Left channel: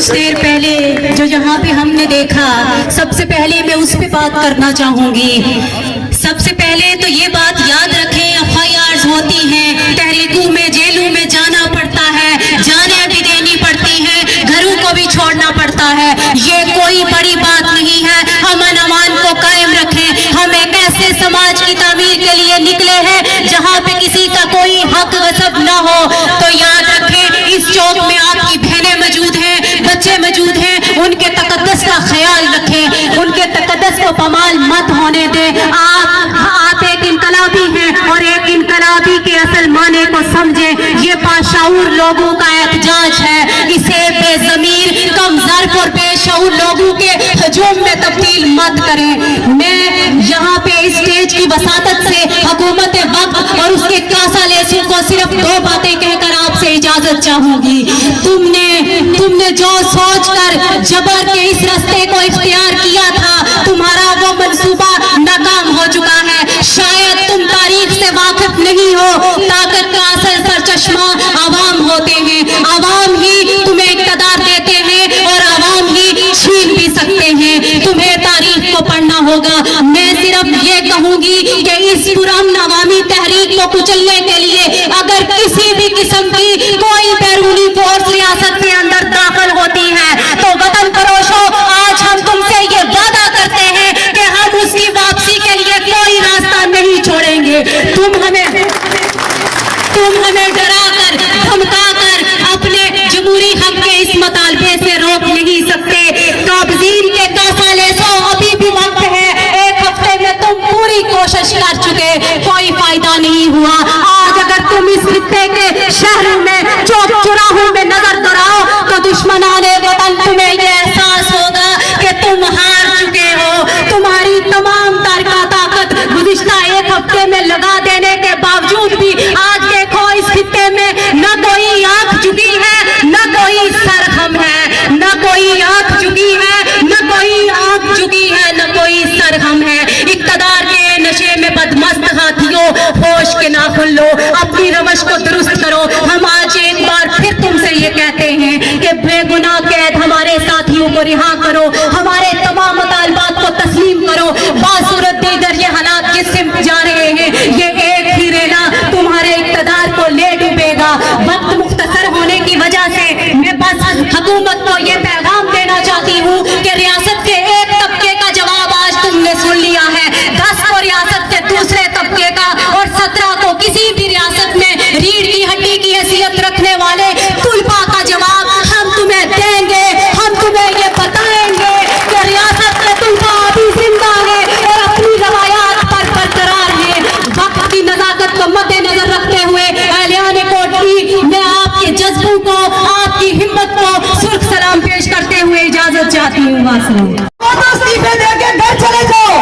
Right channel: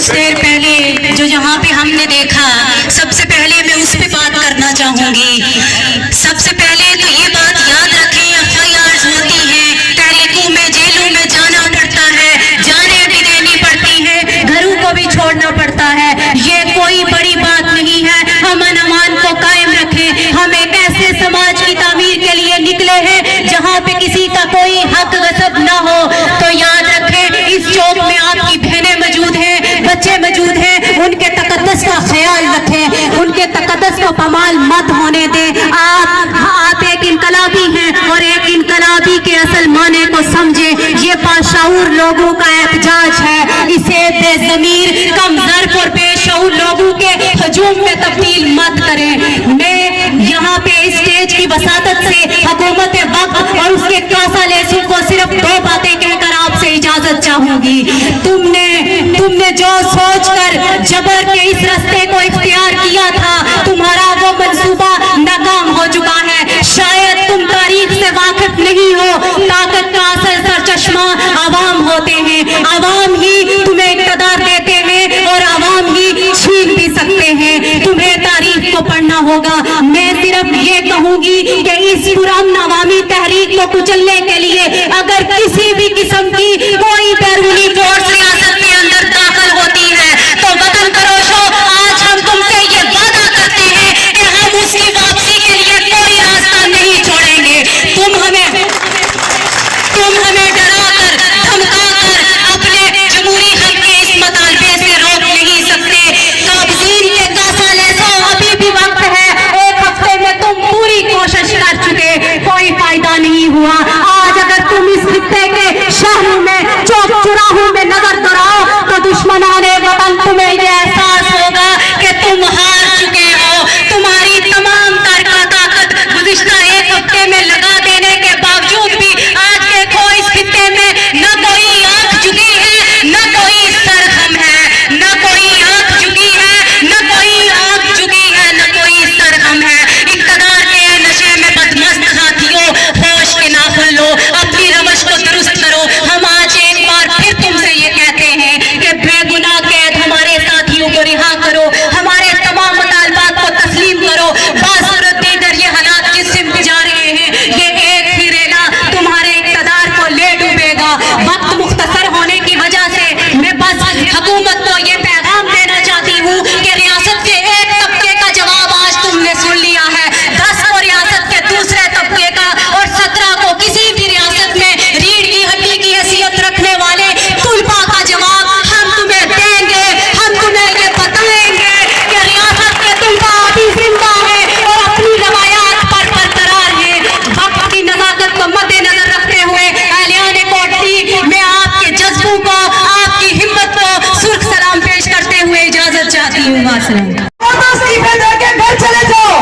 कुछ देर पहले जो यहाँ पे हमने देखा, सबसे पहले मैं उस पे बात करना चाहूंगी। सबसे पहले तो ये बात याद रखें, एफआईआर होती हैं, तहरीकों में, जेलों में जाना पड़ता है, जानें भी देनी पड़ती हैं, घरों को भी छोड़ना पड़ता है। ये कोई बड़ी बात नहीं है। अमन अमान को कायम रखें। हम एक ऐसे समाज की तामीर के लिए निकले हैं जहाँ पे किसी का कोई हक गसब न हो। तो याद रखें, इस चौक में आपकी बहनें मौजूद हैं, बच्चे मौजूद हैं, उनके तकद्दस का ख्याल रखें, उनके तकद्दस को पमाल मत होने दें। आप एक इनकलाबी हैं और एक इनकलाबी के असल माने को समझें। ये बाशऊर लोगों का एहतजाज है, इसे बेज़मीर, कमज़र्फ और बेशऊर लोगों के हजूम में तब्दील मत करें। मैं यहाँ पे इस स्टेज की वसातत से हुकूमत वक्त और उसके कासालेसों को सिर्फ दो बातें कहकर आपसे इजाजत चाहूंगी। तुमने जो सोचकर जबर के इस रास्ते को इख्तियार किया था, तुम्हारा वो मंसूबा नाकाम हो चुका है। शायद तुम तारीख से वाकिफ नहीं हो। ताकत का असल सरचश्मा आवाम होते हैं। आवाम ही तुम्हें इक़्तिदार देते हैं और आवाम ही छीन भी सकते हैं। तुम्हें तारीख को पढ़ना होगा। मैं सिर्फ ये कहूंगी कि इस पुरान अवामी तहरीक को कुचलने के लिए अगर किसी भी किस्म की कोई बैरूनी फोर्स रियासत के अंदर दाखिल होती है तो वतन फरोशो, आज हम तुमसे ये वादा करते हैं कि हम उसकी वापसी के लिए कोई रास्ता नहीं छोड़ेंगे। तुम हमें डराकर, धमकाकर अपने जमहूरी हक के इस मुतालबे से रोक नहीं सकते। काबजीन के कासालेसो, अभी भी वक्त है। एक हफ्ते में तुम पूरी कोशिश कर चुके, कोई फायदा नहीं हुआ। आज अगर तुम इस खित्ते के शहरों में, चौक चौराहों में नजर दौड़ाओ तो दुश्मनाने वतन तुम्हें ये एहसास होगा कि तुम हार चुके हो। तुम्हारी तमाम ताकत गुज़िश्ता एक हफ्ते में लगा देने के बावजूद भी आज देखो इस खित्ते में न कोई आंख झुकी है, न कोई सर खम है, न कोई आंख झुकी है, न कोई आंख झुकी है, न कोई सर खम है। इक़्तिदार के नशे में बदमस्त साथियों, होश के नाखुन लो, अपनी रवश को दुरुस्त करो। हम आज एक बार फिर तुमसे ये कहते हैं कि बेगुनाह कैद हमारे साथियों को रिहा करो, हमारे तमाम मुतालबात को तस्लीम करो। बासूरत देगर ये हालात जिस सिमत जा रहे हैं, ये एक ही रेला तुम्हारे इक़्तिदार को ले डूबेगा। वक्त मुख्तसर होने की वजह से मैं बस हुकूमत को ये पैगाम देना चाहती हूँ कि रियासत के एक तबके का जवाब आज तुमने सुन लिया है, 10 को रियासत के दूसरे तबके का और 17 को किसी भी रियासत में रीढ़ की हड्डी की हैसियत रखने वाले तुलपा का जवाब हम तुम्हें देंगे। हम तुम्हें ये बताएंगे कि रियासत के तुलपा अभी जिंदा है और अपनी रवायात पर बरकरार है। वक्त की नजाकत को मद्देनजर रखते हुए आलियाने कोटली में आपके जज्बों को, आपकी हिम्मत को सुर्ख सलाम पेश करते हुए इजाजत चाहती हूँ। चले जाओ।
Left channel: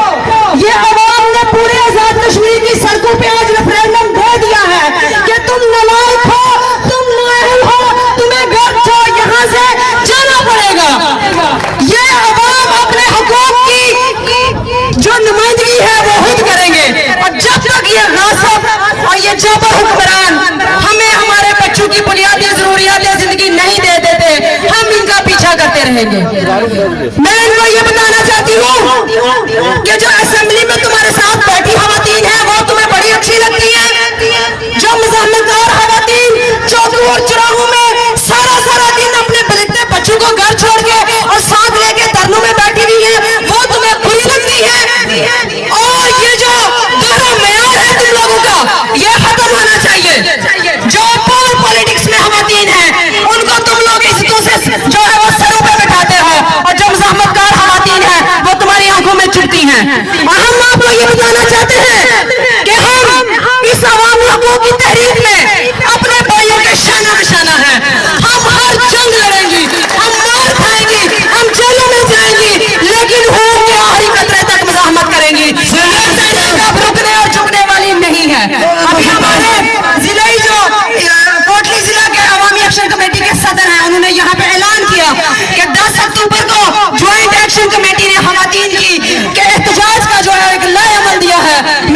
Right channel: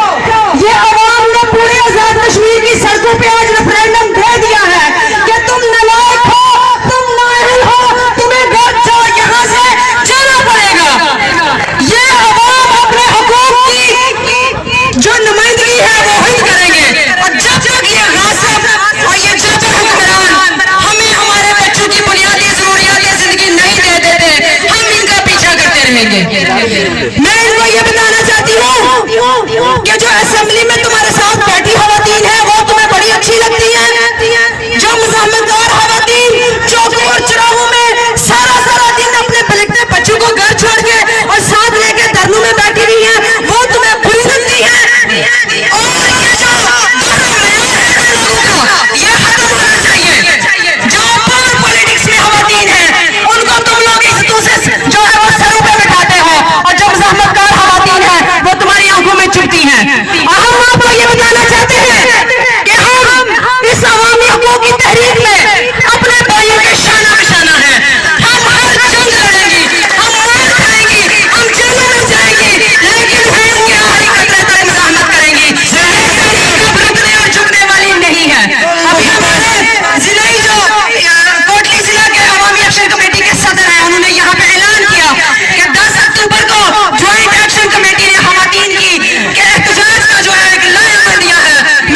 ये अवाम ने पूरे आजाद कश्मीर की सड़कों पे आज रेफरेंडम दे दिया है कि तुम नालायक हो, तुम नाअहल हो, तुम्हें घर से यहाँ से जाना पड़ेगा। ये अवाम अपने हुकूक की जो नुमाइंदगी है वो हम करेंगे। और जब तक ये गासिब और ये जबर हुक्मरान हमें हमारे बच्चों की बुनियादी जरूरियात जिंदगी नहीं दे देते, हम इनका पीछा करते रहेंगे। मैं इनको ये बताना चाहती हूँ कि जो असेंबली में तुम्हारे साथ बैठी खवातीन है वो तुम्हें बड़ी अच्छी लगती है। जो मुज़ाहमतदार खवातीन चौकों और चौराहों में सारा दिन अपने पलटते बच्चों को घर छोड़ के और साथ लेके धरनों में बैठी हुई है, वो तुम्हें बुरी लगती है। और ये जो दोहरा मेयार है तुम लोगों का, ये खत्म होना चाहिए। जो पॉलिटिक्स में खवातीन है उनको तुम लोग इज्जतों से जो है वो सरों पे बैठाते हो, और जो मुज़ाहमतदार खवातीन है वो तुम्हारी आंखों में चुभती हैं। और हम आपको ये बताना चाहते हैं कि हम इस अवामी हकूक़ की तहरीक में अपने भाइयों के शाना बिशाना है। हम हर जंग लड़ेंगे, हम मार खाएंगे, हम जेलों में जाएंगे, लेकिन होम के आखिरी कतरे तक मुज़ाहमत करेंगी। कब रुकने और झुकने वाली नहीं है। अभी हमारे जिले जो कोटली जिला के अवामी एक्शन कमेटी के सदर हैं, उन्होंने यहाँ पे ऐलान किया कि 10 अक्टूबर को ज्वाइंट एक्शन कमेटी ने खवातीन की के एहतजाज का जो है एक नया अमल दिया है।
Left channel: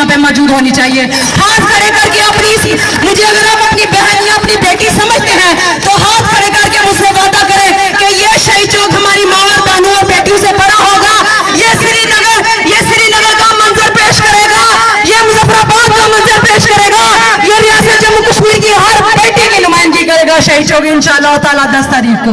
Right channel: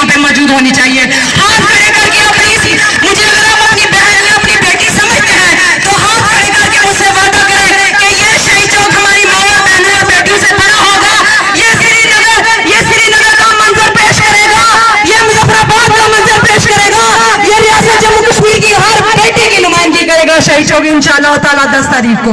यहाँ पे मौजूद होनी चाहिए। हाथ खड़े करके अपनी, मुझे अगर आप अपनी बहन या अपनी बेटी समझते हैं तो हाथ खड़े करके मुझसे वादा करें कि ये शहीद चौक हमारी माँ बहनों और बेटियों से बड़ा होगा, ये श्रीनगर का मंजर पेश करेगा, ये मुजफ्फराबाद का मंजर पेश करेगा, ये रियासत जम्मू कश्मीर की हर बेटी की नुमाइंदगी करेगा शहीद चौक इंशाअल्लाह ताला 10 तारीख को।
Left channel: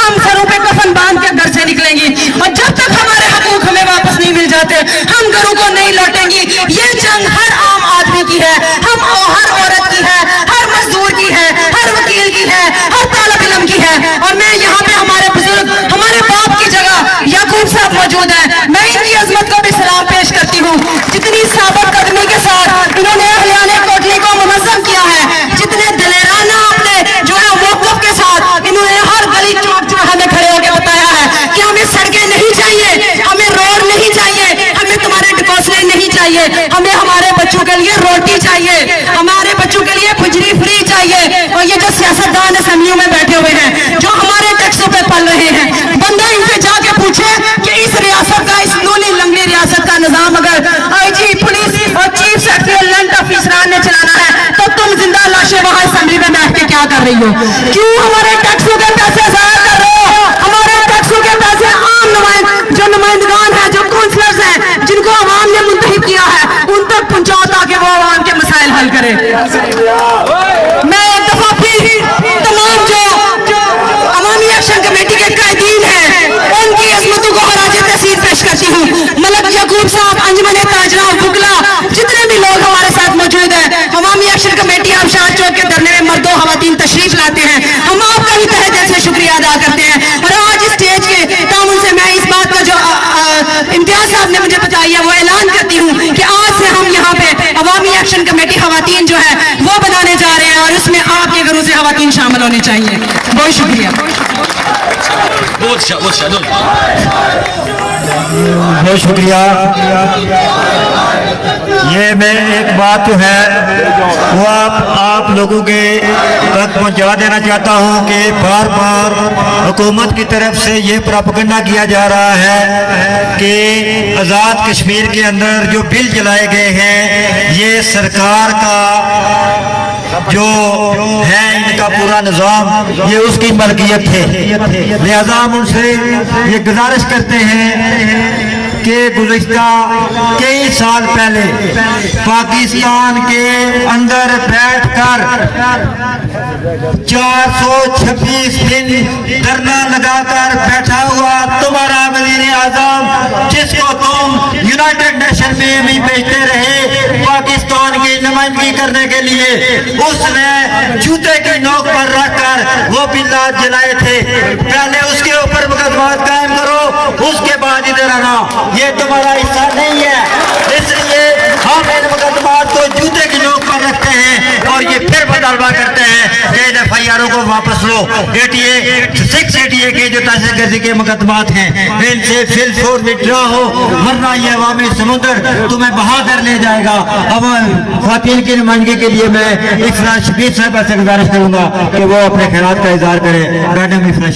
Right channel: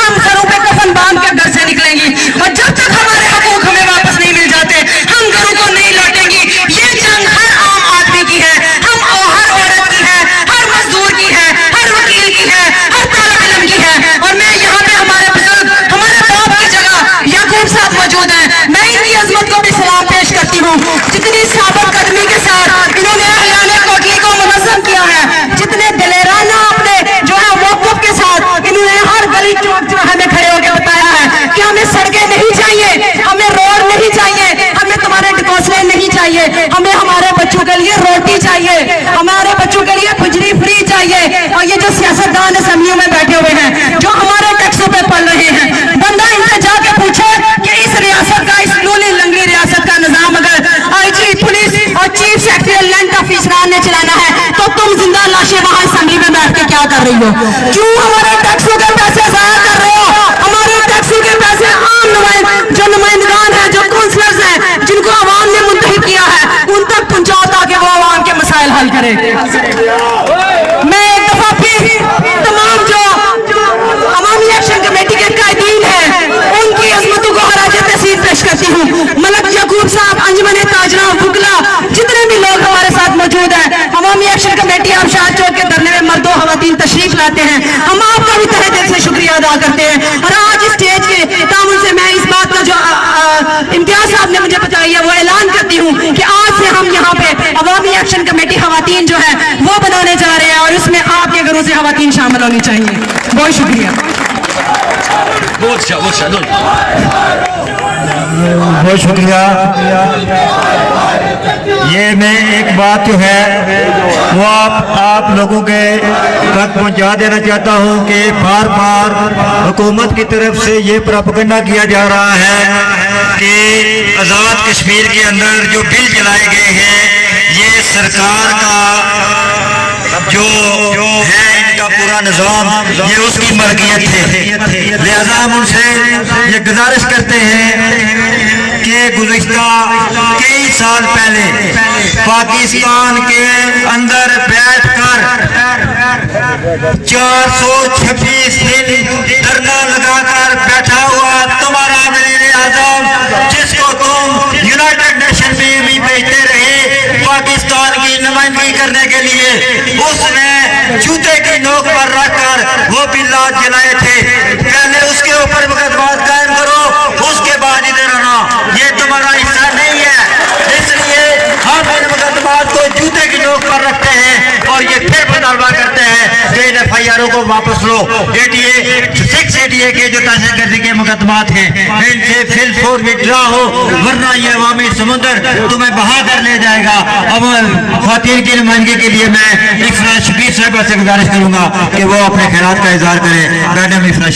हम सरों पे कफन बांध कर घर से निकलेंगे और जब तक हमारे हकूक हमें वापस नहीं मिल जाते हम घरों को नहीं लौटेंगी। ये जंग हर आम आदमी की है, हम हर औरत की है, हर मजदूर की है, हर वकील की है, हर तालिब इल्म की है। और मैं यहाँ पे हमारे बुजुर्ग, हमारे बाप की जगह याकूब साहब मौजूद हैं, मैं इनकी अजमत को भी सलाम पेश करती हूँ। जितनी साबित कदमी के साथ इन्होंने अहलियाने कोठली को मुनज़्ज़म किया है, जितने दलेराना अपने जो है मौक़िफ़ के साथ इन्होंने हर गली चौक चौराहे में खड़े होकर बताया है कि हमें सड़कें नहीं चाहिए, हमें रोड नहीं चाहिए, हमें तुम्हारे डिपोसले नहीं चाहिए, हमें हमारे बच्चों के लिए रोटी चाहिए, हमारे बच्चों के लिए बिजली फ्री चाहिए। और ये जो सियासतदान असेंबलियों में बैठे हुए हैं जो हमारे टैक्सों पे पल रहे हैं, बंदा इनसे जाके पूछे कि इस रियासत का, इस लूली लंगड़ी रियासत का निजाम अगर आईजी पुलिस और चीफ सेक्रेटरी लैंड ऑफिसरान ने चलाना है तो तुम जिंदा लाशें वहां असेंबली में बैठ के क्या कर रही हो? क्यों हमारे टैक्सों के पैसे जाया कर रहे हो? हमारे टैक्सों के पैसे आम जो नुमाइंदगान है, जो काउंसलर्स हैं, जिनको आवाम ने मुंतखब किया है, उन तक पहुंचाओ ताकि वो आवाम के मसाइल हल करें। मैं एक दफा फिर तमाम जो अवामी एक्शन कमेटी के कायदीन हैं उनकी अजमतों को हराज तहसील पेश करती हूँ। मलक याकूब साहब, अंजुमन ताजरा, फुकला, जितने भी लोग हमारे साथ मौजूद हैं, अवामी एक्शन कमेटी आबशार चौक के धरने में मर्दों खवातीन तशरीफ लाते हैं, हम आपका भी तहे दिल से शुक्रिया अदा करते हैं। और आज इस स्टेज के तामुन से मैं इस बात का जो इम्तियाज साहब ने मुझे बताई है वो ऐलान करती हूँ कि आज से हम यहाँ पे अवामी एक्शन कमेटी खवातीन जो है वो बनाने जा रहे हैं और उसमें आपके घरों से खवातीन शामिल होनी चाहिए। बहुत शुक्रिया। बहुत शुक्रिया। ये मैं एक बात जो है वो आप लोगों के तक पहुंचा देना चाहता हूं कि बार बार हुकूमत की तरफ से ये प्रोपेगेंडा किया जा रहा है कि आज़ाद कश्मीर के अंदर जो बिल चलाए गए हैं ये सरकार का जो है इनका पूरा निज़ाम ये उसकी मलकियत है। लिहाजा हम उनसे ये गुजारिश करते हैं कि गुज़िश्ता कई साल पहले पाकिस्तान के अंदर बैठकर 426 दिन धरना लगाकर बैठा हुआ तुम्हारा वज़ीर आज़म, जिसको तुम यूनाइटेड नेशन में भी भेजते रहे पाकिस्तान की नुमाइंदगी करने के लिए, उसने जूते की नोक पर रखकर वो बिल्ला जलाए थे। पहले उसके ऊपर मुकदमा कायम करो, उसके बाद इधर आना। ये तुम्हारा हिस्सा नहीं है, इसलिए हम इन मुकदमात को जूते की नोक पर रखते हैं और ये फिर मुतालबा करते हैं कि इन FIR को वापस लो। 688 के जो दहशतगर्दी के मुकदमात हैं इनसे फिल फोर विड्रा हो, वरना ये अवामी समुद्र तुम्हें बहा कर ले जाएगा। अब ख़वातीन की नुमाइंदगी के लिए मैं इफ़राज शबीर साहब से गुजारिश करूंगा कि वो अपने ख्यालात का इजहार करें। मैडम इफ़राज।